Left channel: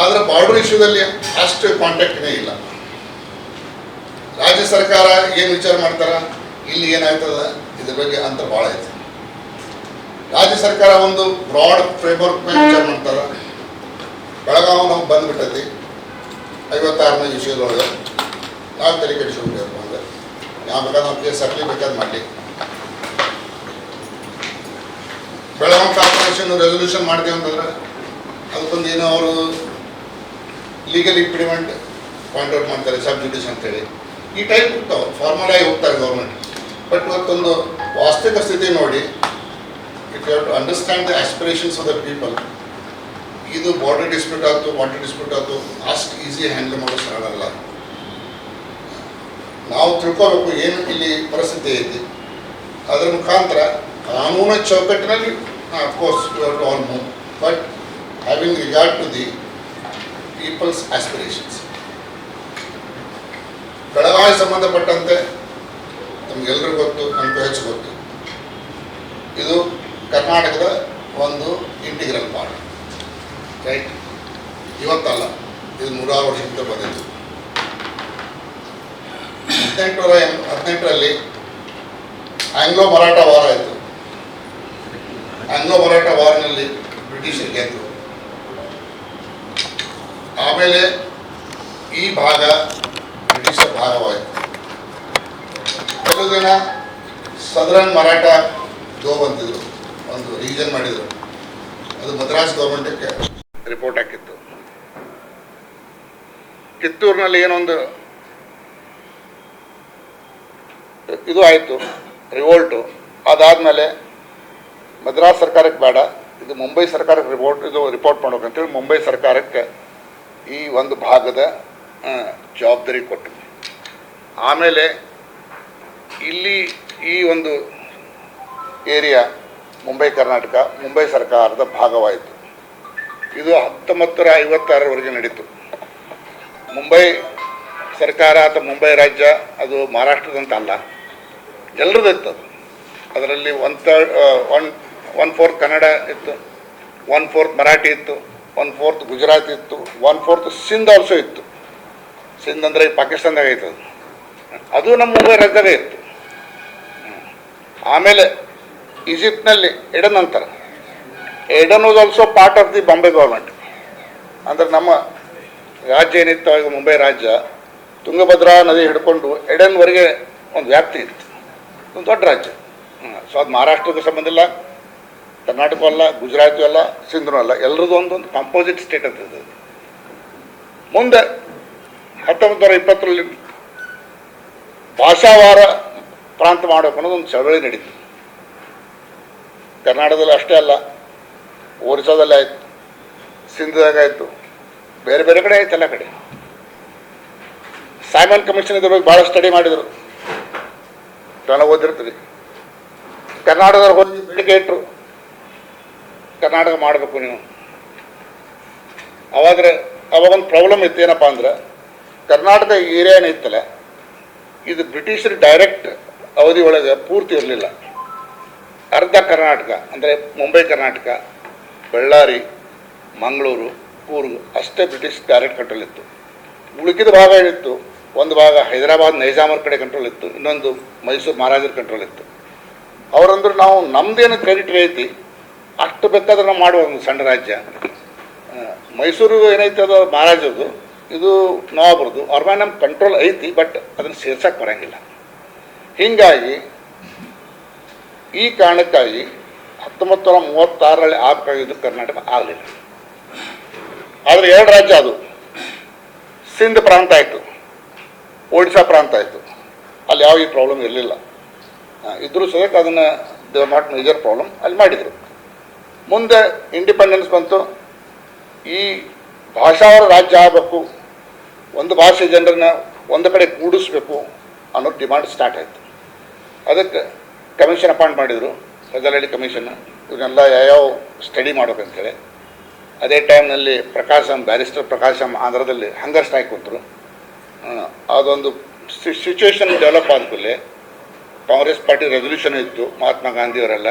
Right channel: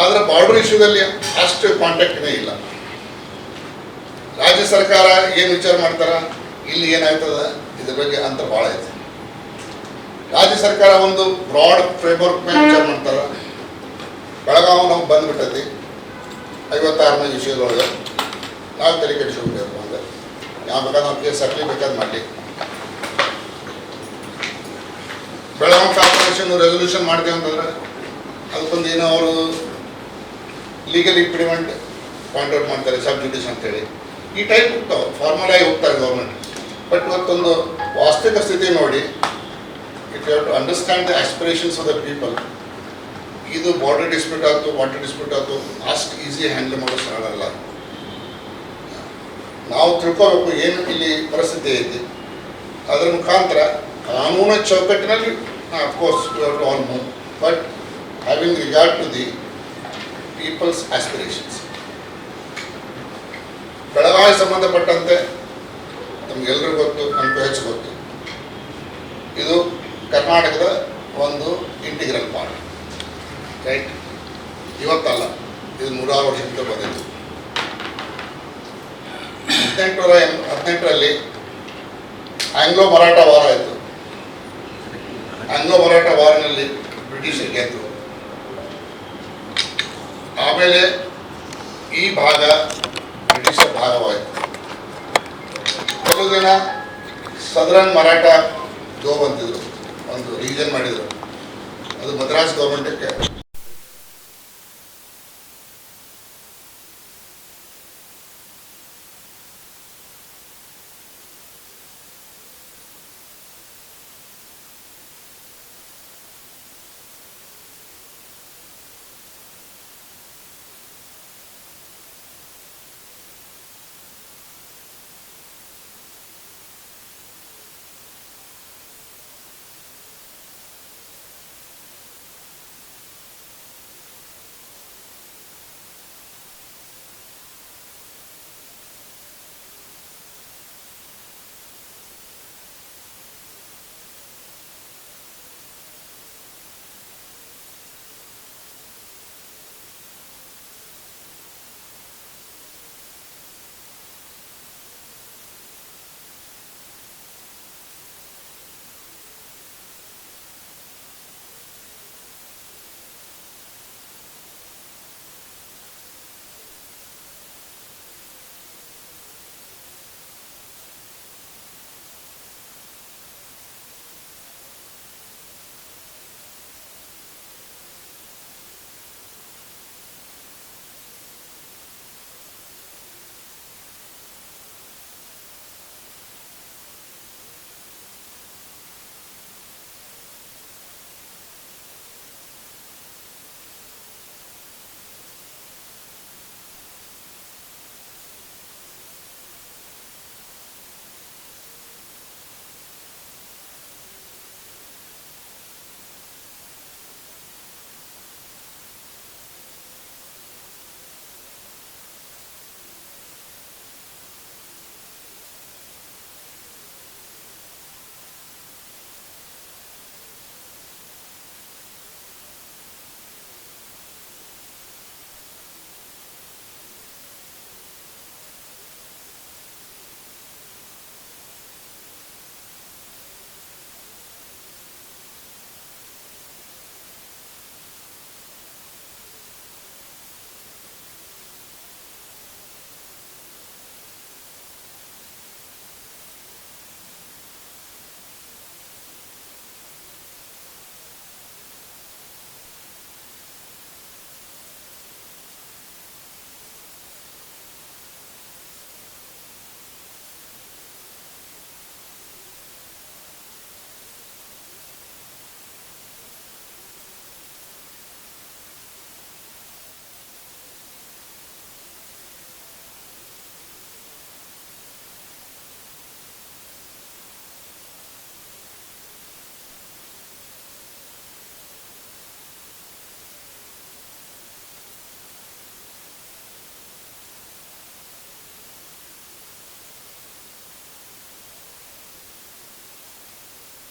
ಆದರೆ ಬಾರ್ಡರ್ ಇಶ್ಯೂದಲ್ಲಿ ಅಷ್ಟು ಕಾಂಟ್ಯಾಕ್ಟ್ನೇ ಇಲ್ಲ. ರಾಜ್ಯ ಸರ್ಕಾರ ಏನು ವಿಚಾರ ಮಾಡ್ತಾರ, ಇಲ್ಲಿ ಏನಾಗ್ತದ ಇದ್ರ ಬಗ್ಗೆ ಅಂತ ಭಾಳ ಐತೆ. ರಾಜ್ಯ ಸರ್ಕಾರ ಒಂದು ಬ್ರಾಡ್ ಫ್ರೇಮ್ವರ್ಕ್ ಮೇಲೆ ವಿಚಾರ ಮಾಡ್ತಾರ. ಬೆಳಗಾವಿ ನಾವು ಬಂದ್ಬಿಟ್ಟೈತಿ 56ನೇ ವಿಷಯದೊಳಗೆ ನಾವು ತಲೆ ಕೆಡಿಸ್ಕೊಬೇಕು ಅಂದ್ರೆ ಯಾವ ಬೇಕಾದ್ರೆ ನಾವು ಕೇಸ್ ಹಾಕಲಿ ಬೇಕಾದ್ರೆ ಮಾಡಲಿ. ಬೆಳಗಾವಿ ಕಾರ್ಪೊರೇಷನ್ ರೆಸೊಲ್ಯೂಷನ್ ಮಾಡ್ತೀವಿ ಅಂತಂದ್ರೆ ಅದಕ್ಕೊಂದು ಏನೋ ಅವರು ಲೀಗಲ್ ಇಂಪ್ಲಿಮೆಂಟ್ ಪಾಯಿಂಟ್ ಔಟ್ ಮಾಡ್ತಾರೆ, ಸಬ್ ಜುಡಿಷ್ ಅಂತೇಳಿ ಈ ಟೈಪ್ ಹೋಗ್ತಾವೆ, ಫಾರ್ಮಲ್ ಆಗಿ ಹೋಗ್ತಾರೆ ಗೌರ್ಮೆಂಟ್. ಬಟ್ ಇವತ್ತೊಂದು ವಾಸ್ತವಿಕ ಸ್ಥಿತಿ ನೋಡಿ, if you have to understand the aspirations of the people, ಇದು ಬಾರ್ಡರ್ ಡಿಸ್ಪ್ಯೂಟ್ ಆಯ್ತು, ವಾಟರ್ ಡಿಸ್ಪ್ಯೂಟ್ ಆಯ್ತು, ಅಷ್ಟು ಈಸಿ ಹ್ಯಾಂಡಲ್ ಮಾಡೋ ಸಾಲಲ್ಲ. ನಾವು ತಿಳ್ಕೋಬೇಕು ಏನು ಇಲ್ಲಿ ಪರಿಸ್ಥಿತಿ ಐತಿ. ಅದರ ಮುಖಾಂತರ ಕಾನೂನು ಚೌಕಟ್ಟಿನಲ್ಲಿ of course you have to all move, but having regard to the people's aspirations. Belagavi ಸಂಬಂಧಪಟ್ಟಂತೆ ನಮಗೆಲ್ಲರಿಗೂ ಗೊತ್ತು, ನಮಗೂ ಹೆಚ್ಚು ಗೊತ್ತು, ಇದು ಕರ್ನಾಟಕದ ಒಂದು ಇಂಟಿಗ್ರಲ್ ಪಾರ್ಟ್, ರೈಟ್? ಇವತ್ತಲ್ಲ, ಇದು 100 ವರ್ಷದಿಂದ ಬಂದಿತ್ತು. 1818ರಲ್ಲಿ ಆಂಗ್ಲೋ ಮರಾಠ ವಾರ ಆಯಿತು. ಆಂಗ್ಲೋ ಮರಾಠ ವಾರ್ನಲ್ಲಿ ಬ್ರಿಟಿಷರು ಗೆದ್ದರು. ಆಮೇಲೆ ಈ ಭಾಗ ಬ್ರಿಟಿಷರ ಭಾಗವಾಯಿತು. ಕೆಲವು ದಿನ ಸದರನ್ ಮರಾಠ ಜೋಬ್ ಅಂತಿದ್ರು, ಒಂದು ರೀಜನ್ ಮಾಡಿದರು. ಅದು ಮದ್ರಾಸ್ ಗೌರ್ಮೆಂಟಕ್ಕೆ ರಿಪೋರ್ಟ್ ಹಾಕಿತ್ತು. ಕಿತ್ತೂರಿನಲ್ಲಿ ಏನೊಂದು ಇದು ಆಯಿತು, ರಿವೋಲ್ಟು. ಅದಾದಮೇಲೆ ಮದ್ರಾಸ್ ಸರ್ಕಾರಕ್ಕೆ ಬೇಡ, ಇದು ಮುಂಬೈ ಸರ್ಕಾರಕ್ಕೆ ರಿಪೋರ್ಟ್ ಮಾಡ್ಬೇಕಂತೇಳಿ ಮುಂಬೈ ಸರ್ಕಾರಕ್ಕೆ ಈ ಒಂದು ಭಾಗದ ಜವಾಬ್ದಾರಿ ಕೊಟ್ಟರು. ಆಮೇಲೆ ಇಲ್ಲಿ ಈ ಒಂದು ಏರಿಯಾ ಮುಂಬೈ ಕರ್ನಾಟಕ ಮುಂಬೈ ಸರ್ಕಾರದ ಭಾಗವಾಯಿತು. ಇದು 1956ರವರೆಗೆ ನಡೀತು. ಮುಂಬೈ ಸರ್ಕಾರ ಅಥವಾ ಮುಂಬೈ ರಾಜ್ಯ ಅದು ಮಹಾರಾಷ್ಟ್ರದಂತ ಅಲ್ಲ, ಎಲ್ಲರದ್ದು ಇತ್ತು. ಅದರಲ್ಲಿ 1/4 ಕನ್ನಡ ಇತ್ತು, 1/4 ಮರಾಠಿ ಇತ್ತು, 1/4 ಗುಜರಾತಿ ಇತ್ತು, 1/4 ಸಿಂಧ್ ಆಲ್ಸೋ ಇತ್ತು. ಸಿಂಧ್ ಅಂದರೆ ಪಾಕಿಸ್ತಾನದಾಗ ಇತ್ತು, ಅದು ನಮ್ಮ ಮುಂಬೈ ರಾಜ್ಯದಾಗೆ ಇತ್ತು. ಆಮೇಲೆ ಈಜಿಪ್ಟ್ನಲ್ಲಿ ಎಡನ್ ಅಂತಾರೆ. Aden was also part of the Bombay government. ಅಂದರೆ ನಮ್ಮ ರಾಜ್ಯ ಏನಿತ್ತು ಈಗ ಮುಂಬೈ ರಾಜ್ಯ, ತುಂಗಭದ್ರಾ ನದಿ ಹಿಡ್ಕೊಂಡು ಎಡನ್ವರೆಗೆ ಒಂದು ವ್ಯಾಪ್ತಿ ಇತ್ತು, ಒಂದು ದೊಡ್ಡ ರಾಜ್ಯ. ಸೊ ಅದು ಮಹಾರಾಷ್ಟ್ರಕ್ಕೂ ಸಂಬಂಧ ಇಲ್ಲ, ಕರ್ನಾಟಕ ಅಲ್ಲ, ಗುಜರಾತು ಅಲ್ಲ, ಸಿಂಧೂ ಅಲ್ಲ, ಎಲ್ಲರದ್ದು ಒಂದೊಂದು ಕಾಂಪೋಸಿಟ್ ಸ್ಟೇಟ್ ಅಂತ ಇದೆ. ಮುಂದೆ 1920ರಲ್ಲಿ ಭಾಷಾವಾರ ಪ್ರಾಂತ ಮಾಡಬೇಕು ಅನ್ನೋದು ಒಂದು ಚಳವಳಿ ನಡೀತು. ಕರ್ನಾಟಕದಲ್ಲಿ ಅಷ್ಟೇ ಅಲ್ಲ, ಒರಿಸ್ಸಾದಲ್ಲಿ ಆಯಿತು, ಸಿಂಧದಾಗ ಆಯಿತು, ಬೇರೆ ಬೇರೆ ಕಡೆ ಆಯ್ತು, ಎಲ್ಲ ಕಡೆ. ಸೈಮನ್ ಕಮಿಷನ್ ಇದ್ರ ಬಗ್ಗೆ ಭಾಳ ಸ್ಟಡಿ ಮಾಡಿದರು, ಜನ ಓದಿರ್ತದೆ. ಕರ್ನಾಟಕದವ್ರು ಹೋಗಿ ಬೇಡಿಕೆ ಇಟ್ಟರು, ಕರ್ನಾಟಕ ಮಾಡಬೇಕು ನೀವು. ಅವಾಗೊಂದು ಪ್ರಾಬ್ಲಮ್ ಇತ್ತು, ಏನಪ್ಪ ಅಂದ್ರೆ ಕರ್ನಾಟಕ ಏರಿಯಾ ಏನಿತ್ತಲ್ಲ, ಇದು ಬ್ರಿಟಿಷರು ಡೈರೆಕ್ಟ್ ಅವಧಿ ಒಳಗೆ ಪೂರ್ತಿ ಇರಲಿಲ್ಲ. ಅರ್ಧ ಕರ್ನಾಟಕ ಅಂದರೆ ಮುಂಬೈ ಕರ್ನಾಟಕ, ಬಳ್ಳಾರಿ, ಮಂಗಳೂರು, ಕೂರ್ಗ್ ಅಷ್ಟೇ ಬ್ರಿಟಿಷ್ ಡೈರೆಕ್ಟ್ ಕಂಟ್ರೋಲ್ ಇತ್ತು. ಉಳಿಕಿದ ಭಾಗ ಏನಿತ್ತು, ಒಂದು ಭಾಗ ಹೈದರಾಬಾದ್ ನೈಜಾಮರ ಕಡೆ ಕಂಟ್ರೋಲ್ ಇತ್ತು, ಇನ್ನೊಂದು ಮೈಸೂರು ಮಹಾರಾಜರ ಕಂಟ್ರೋಲ್ ಇತ್ತು. ಅವರಂದ್ರೆ ನಾವು ನಮ್ಮದೇನು ಕ್ರೆಡಿಟ್ ಐತಿ ಅಷ್ಟು ಬೇಕಾದ್ರೆ ನಾವು ಮಾಡುವ ಒಂದು ಸಣ್ಣ ರಾಜ್ಯ. ಮೈಸೂರು ಏನೈತೆ ಅದು ಮಹಾರಾಜದ್ದು, ಇದು ನವಾಬರದು, ಅವ್ರ ಮೇಲೆ ನಮ್ಮ ಕಂಟ್ರೋಲ್ ಐತಿ, ಬಟ್ ಅದನ್ನು ಸೇರ್ಸಕ್ಕೆ ಬರೋಂಗಿಲ್ಲ. ಹೀಗಾಗಿ ಈ ಕಾರಣಕ್ಕಾಗಿ 1936ರಲ್ಲಿ ಆಗಬೇಕಾಗಿದ್ದು ಕರ್ನಾಟಕ ಆಗಲಿಲ್ಲ. ಆದರೆ 2 ರಾಜ್ಯ ಅದು, ಸಿಂಧ್ ಪ್ರಾಂತ ಆಯಿತು, ಒಡಿಶಾ ಪ್ರಾಂತ ಆಯಿತು. ಅಲ್ಲಿ ಯಾವ ಈ ಪ್ರಾಬ್ಲಮ್ ಇರಲಿಲ್ಲ. ಇದ್ರೂ ಸದ್ಯಕ್ಕೆ ಅದನ್ನು they are not major problem ಅಲ್ಲಿ ಮಾಡಿದರು. ಮುಂದೆ ಇಂಡಿಪೆಂಡೆನ್ಸ್ ಬಂತು. ಈ ಭಾಷಾವಾರ ರಾಜ್ಯ ಆಗಬೇಕು, ಒಂದು ಭಾಷೆ ಜನರನ್ನ ಒಂದು ಕಡೆ ಕೂಡಿಸ್ಬೇಕು ಅನ್ನೋ ಡಿಮಾಂಡ್ ಸ್ಟಾರ್ಟ್ ಆಯಿತು. ಅದಕ್ಕೆ ಕಮಿಷನ್ ಅಪಾಯಿಂಟ್ ಮಾಡಿದರು, ಫಜಲಹಳ್ಳಿ ಕಮಿಷನ್. ಇವನ್ನೆಲ್ಲ ಯಾವ್ಯಾವ ಸ್ಟಡಿ ಮಾಡ್ಬೇಕಂತೇಳಿ. ಅದೇ ಟೈಮ್ನಲ್ಲಿ ಬ್ಯಾರಿಸ್ಟರ್ ಪ್ರಕಾಶಂ ಆಂಧ್ರದಲ್ಲಿ ಹಂಗರ್ ಸ್ಟ್ರೈಕ್ ಕೊಟ್ಟರು. ಅದೊಂದು ಸಿಚುವೇಶನ್ ಡೆವಲಪ್ ಆದ ಕೂಡಲೇ ಕಾಂಗ್ರೆಸ್ ಪಾರ್ಟಿ ರೆಸೊಲ್ಯೂಷನ್ ಇತ್ತು, ಮಹಾತ್ಮ ಗಾಂಧಿಯವರೆಲ್ಲ